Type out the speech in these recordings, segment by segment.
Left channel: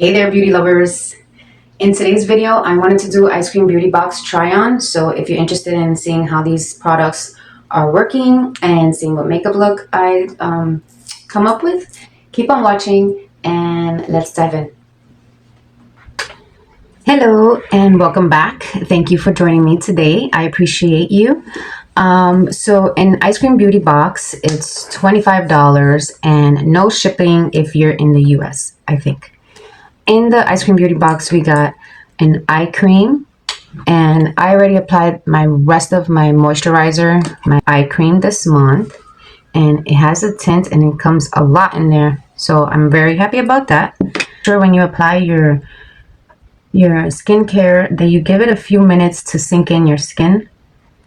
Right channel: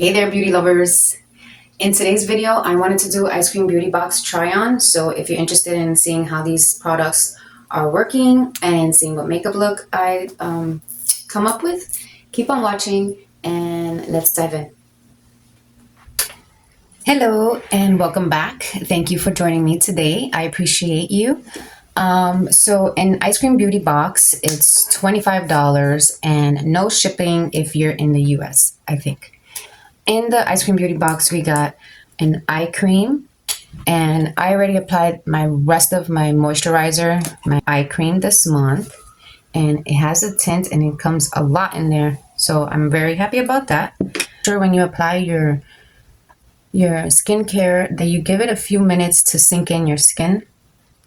Hey there, beauty lovers. In today's video, I wanted to do Eyescream Beauty Box Try On. So if you're interested in seeing how these products are working and seeing what makeup look I come up with, keep on watching and let's dive in. Hello and welcome back. Thank you for joining me today. I appreciate you. So in Eyescream Beauty Box, it's $25 and no shipping if you're in the US, I think. In the Eyescream Beauty Box, we got an eye cream, and I already applied my rest of my moisturizer, my eye cream this month, and it has a tint and it comes a lot in there. So I'm very happy about that. Sure, when you apply your skincare, that you give it a few minutes to sink in your skin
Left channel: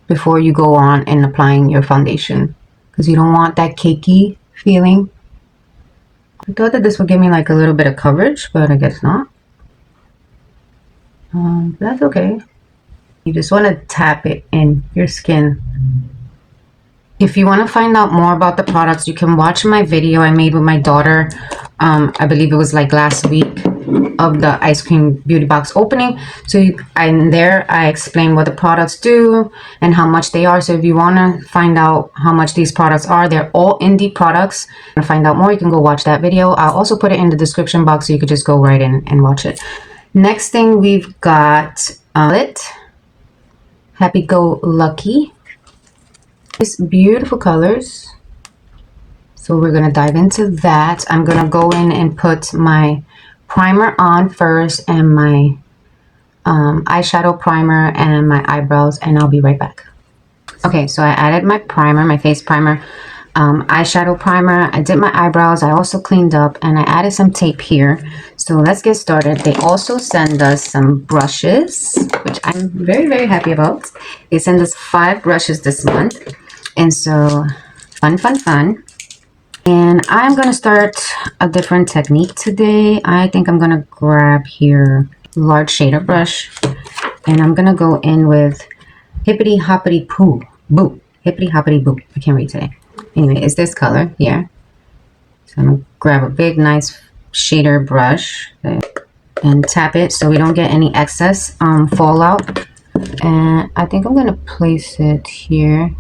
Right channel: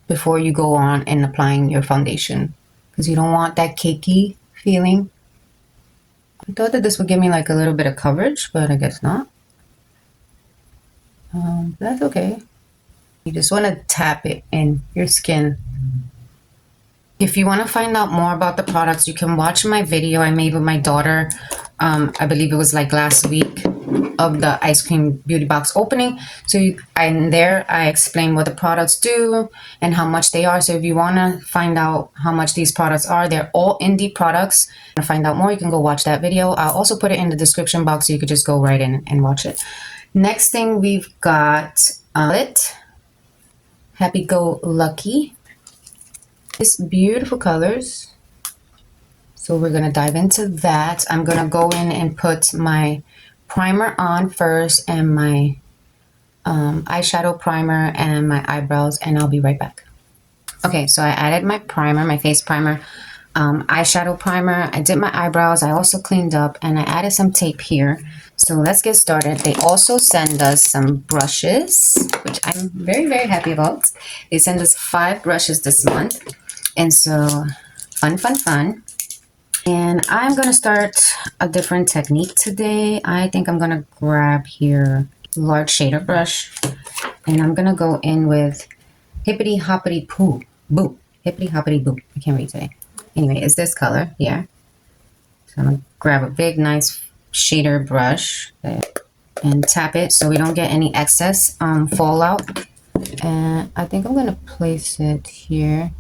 before you go on and applying your foundation, because you don't want that cakey feeling. I thought that this would give me like a little bit of coverage, but I guess not. That's okay. You just want to tap it in your skin. If you want to find out more about the products, you can watch my video I made with my daughter. I believe it was like last week of the Eyescream Beauty Box opening. So there I explain what the products do and how much they are. So if you want to find out how much these products are, they're all indie products. To find out more, you can go watch that video. I'll also put it in the description box so you could just go right in and watch it. Next thing we've got Happy Go Lucky. These beautiful colors. So we're going to dive into that. I'm going to go in and put my primer on first and my eyeshadow primer and my eyebrows, and I'll be right back. Okay, so I added my primer, my face primer, eyeshadow primer. I did my eyebrows. I also cleaned up and I added some tape here. So let's get started. They also send us some brushes, which I'm very, very happy about. They send us 5 brushes this month. And so fun. And I'm going to start a different technique today. I think I'm going to grab here large shader brush. And I'm going to go in with Hippity Hoppity Poo. Boo. Hippity Hoppity Boo. I can't read today. Anyway, it's this color here. So I'm going to grab a big, nice shader brush and tap it so we don't get any excess fallout. And I think I'm going to place it here.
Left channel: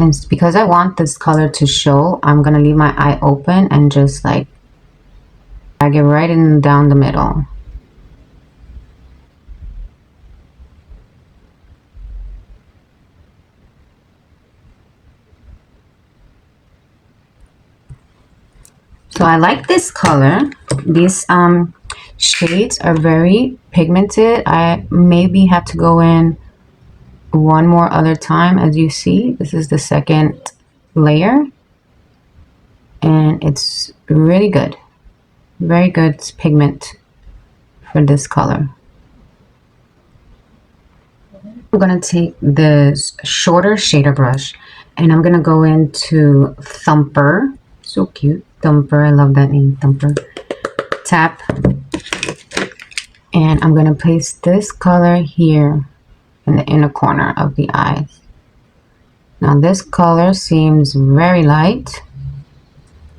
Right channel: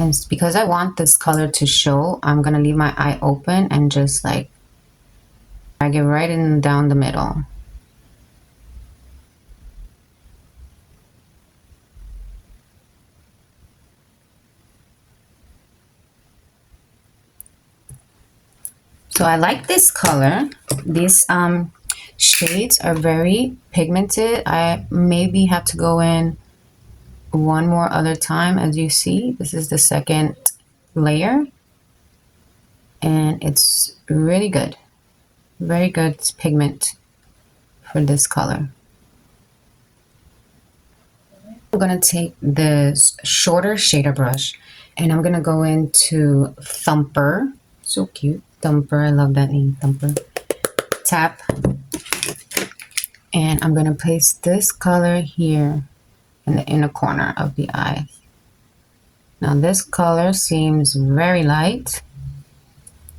And because I want this color to show, I'm going to leave my eye open and just like drag it right in down the middle. So I like this color. These shades are very pigmented. I maybe have to go in one more other time. As you see, this is the second layer and it's really good, very good pigment for this color. I'm going to take this shorter shader brush and I'm going to go into Thumper. So cute, Thumper. I love that name, Thumper. Tap, and I'm going to place this color here in the inner corner of the eyes. Now this color seems very light,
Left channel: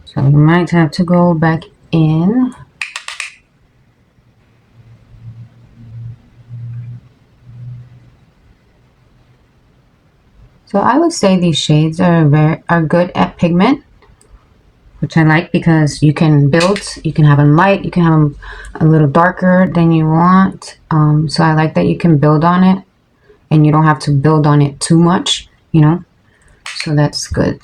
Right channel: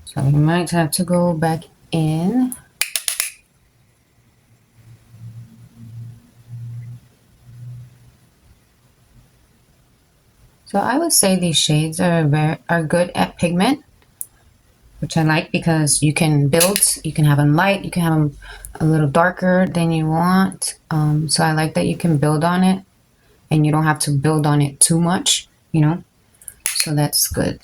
so you might have to go back in. So I would say these shades are good at pigment, which I like because you can build, you can have them light, you can have them a little darker than you want. So I like that you can build on it and you don't have to build on it too much, you know, so that's good.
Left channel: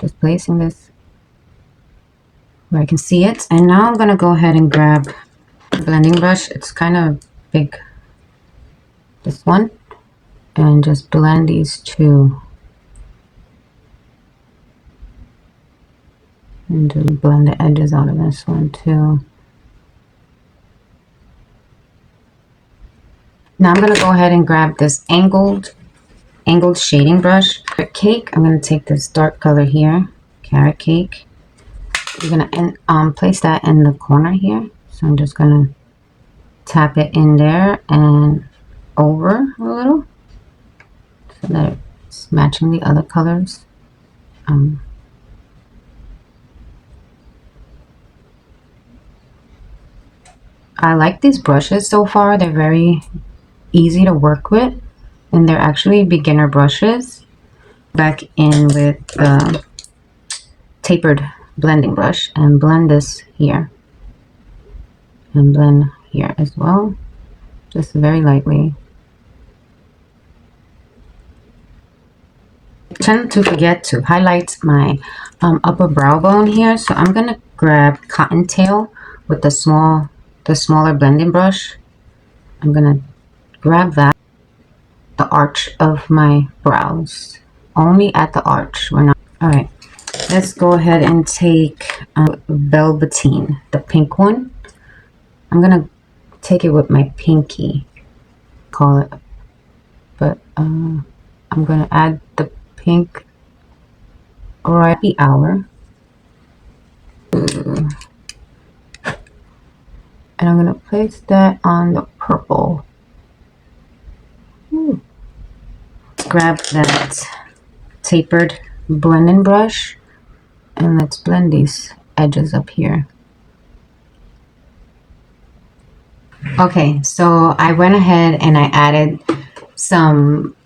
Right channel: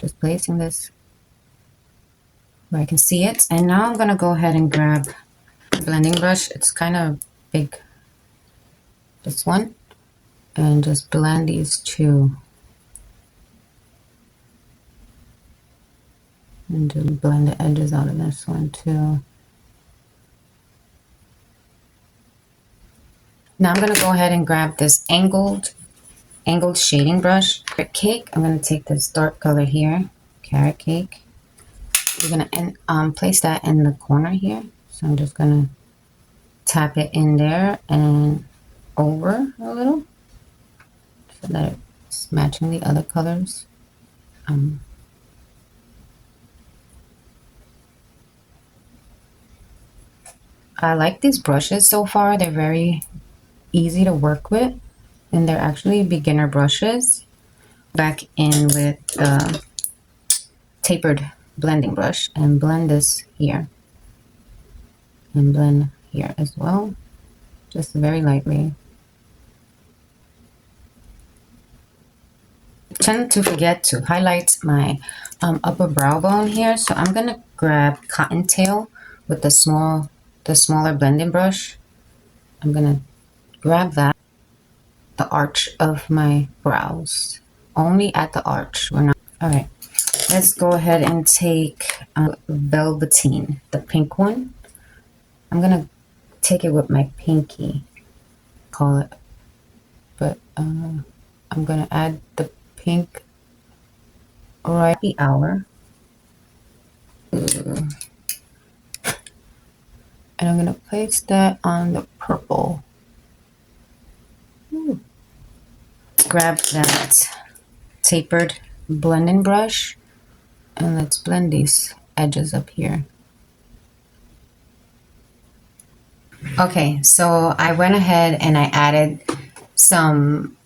Just placing this where I can see it. And now I'm going to go ahead and grab a blending brush. It's kind of big, this one, and just blend these two. And just blend the edges out of this one too. Now I'm going to go ahead and grab this angled shading brush. Carrot Cake. I'm going to take this dark color here, Carrot Cake. You're going to place that in the corner here. So I'm just going to tap it in there and over a little so that it's matching the other colors. I like these brushes so far. They're very easy to work with, and they're actually beginner brushes. Back in with the tapered blending brush and blend this here and blend here as well, just very lightly. I tend to forget to highlight my upper brow bone here, so I'm gonna grab Cottontail with the smaller blending brush. I'm gonna grab that, the arch of my brows, only at the arch. We're not. All right, let's go ahead and take Velveteen, the pink one. I'm gonna take it with my pinky, call it, but I'm gonna add the pink right at the hour. And I'm gonna place that on the purple. Ooh. Grab that tapered blending brush and let's blend these edges up here. Okay, so I went ahead and I added some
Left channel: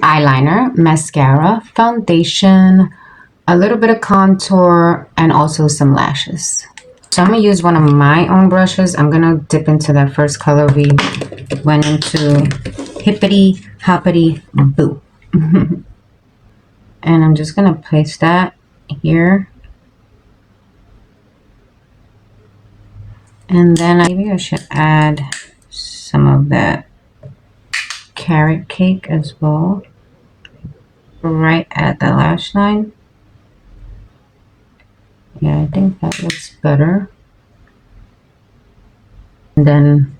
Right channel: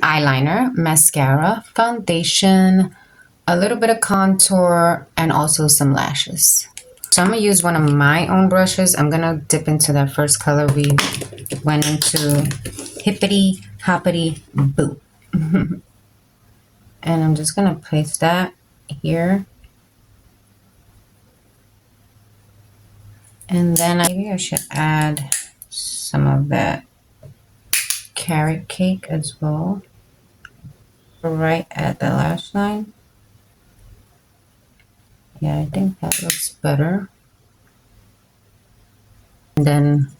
eyeliner, mascara, foundation, a little bit of contour, and also some lashes. So I'm gonna use one of my own brushes. I'm gonna dip into that first color we went into, Hippity Hoppity Boo. And I'm just gonna place that here. And then maybe I should add some of that carrot cake as well, right at the lash line. Yeah, I think that looks better. And then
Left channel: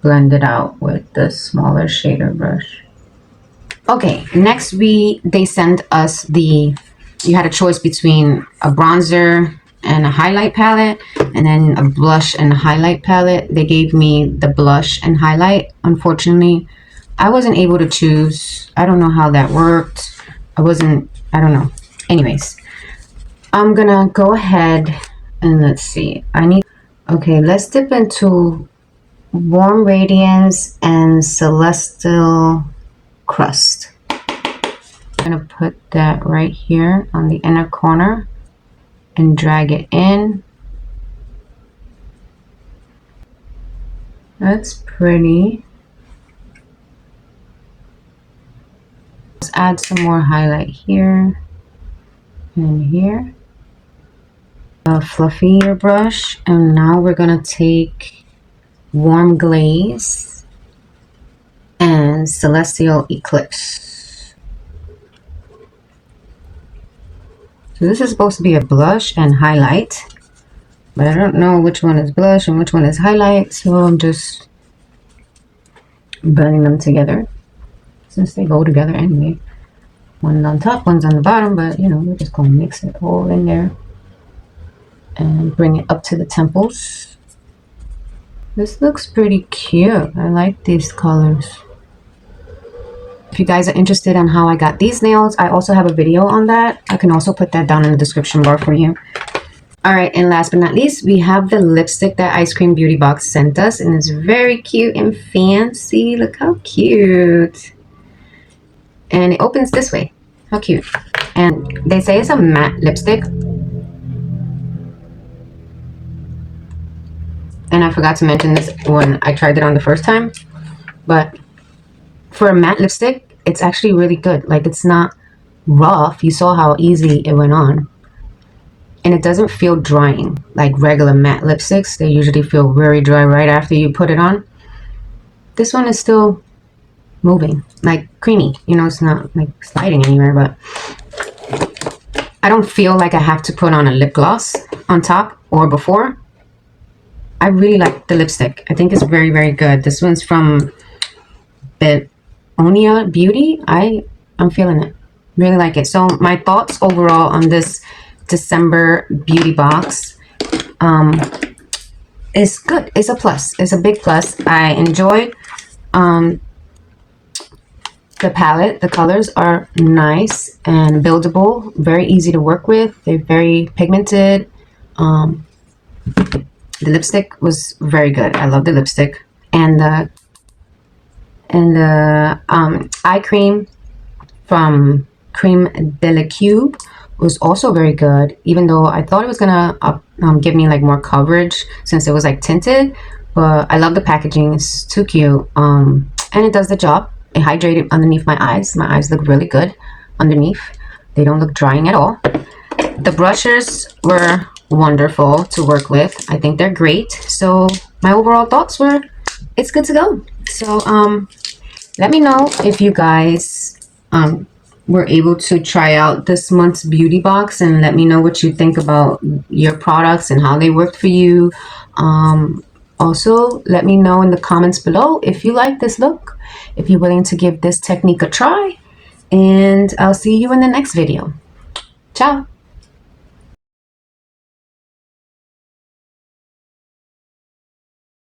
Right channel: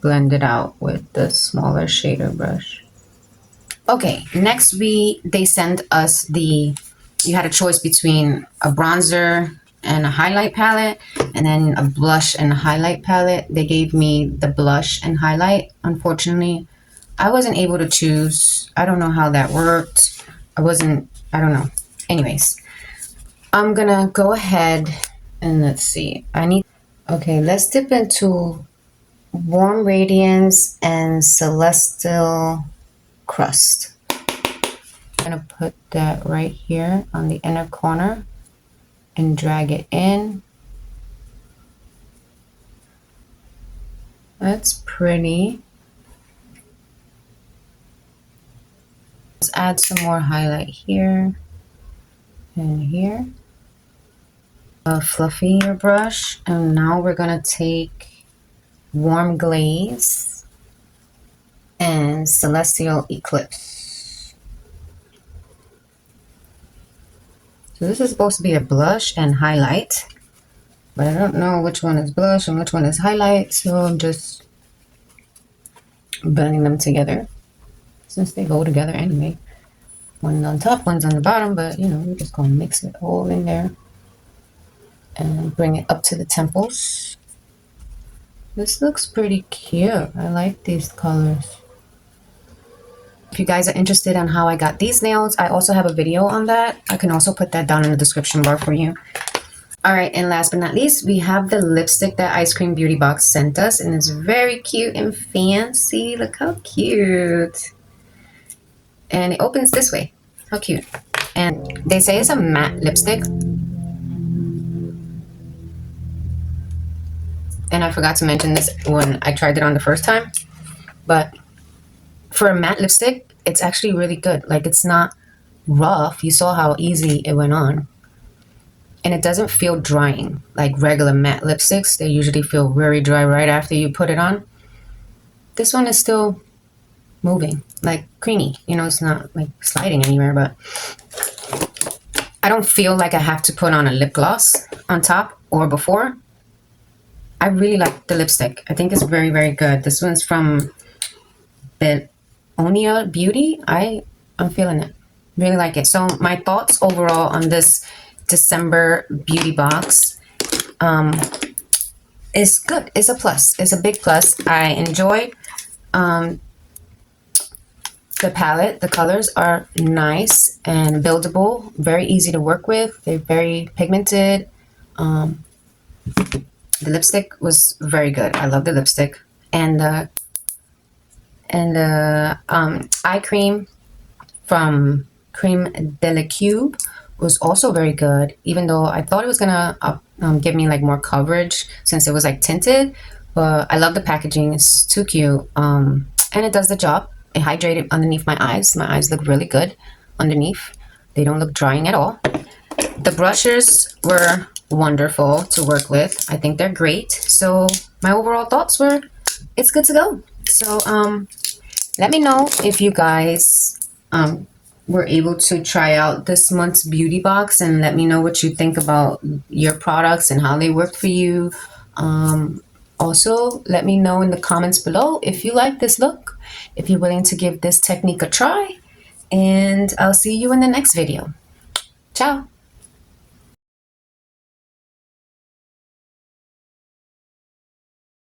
blend it out with the smaller shader brush. Okay, next they sent us you had a choice between a bronzer and a highlight palette, and then a blush and a highlight palette. They gave me the blush and highlight. Unfortunately, I wasn't able to choose. I don't know how that worked. I don't know. Anyways, I'm gonna go ahead and let's see. Okay, let's dip into Warm Radiance and Celestial Crust. I'm gonna put that right here on the inner corner and drag it in. That's pretty. Let's add some more highlight here and here. A fluffier brush, and now we're gonna take Warm Glaze and Celestial Eclipse. So this is supposed to be a blush and highlight, but I don't know which one is blush and which one is highlight, so I'm just blending them together since they go together anyway. One's on top, one's on the bottom, but you know, we're just gonna mix it all in there and bring it up to the temples. This looks pretty cute. I like these colors. If you guys are interested in how I got these nails, I also have a video on that. I can also put that down in the description bar for you. All right, and last but not least, we have the lipstick that Eyescream Beauty Box sent us, and it's very cute and fancy. Look how cute. And it opens this way. How cute. And they say it's a matte lipstick. And I forgot to mention this when I tried it on the first time, but for a matte lipstick, it's actually really good. Like, it's not rough. You saw how easy it went on. And it doesn't feel drying like regular matte lipsticks. They usually feel very dry right after you put it on. This one is still moving, like creamy. You know, it's not like sliding anywhere, but I don't feel like I have to put on a lip gloss on top or before. I really like the lipstick. I think it's very, very good. This one's from Eyescream Beauty. I'm feeling it. Really like it. So my thoughts overall on this December beauty box is good. It's a plus. It's a big plus. I enjoy the palette. The colors are nice and buildable. Very easy to work with. They're very pigmented. The lipstick was very good. I love the lipstick. And the eye cream from Creme de la Cube was also very good, even though I thought it was gonna give me like more coverage since it was like tinted. But I love the packaging. It's too cute. And it does the job. It hydrated underneath my eyes. My eyes look really good underneath. They don't look drying at all. The brushes were wonderful to work with. I think they're great. So my overall thoughts were, it's good to go. So let me know if you guys were able to try out this month's beauty box, and let me know what you think about your products and how they worked for you. Also, let me know in the comments below if you like this look, if you're willing to give this technique a try, and I'll see you in the next video. Ciao!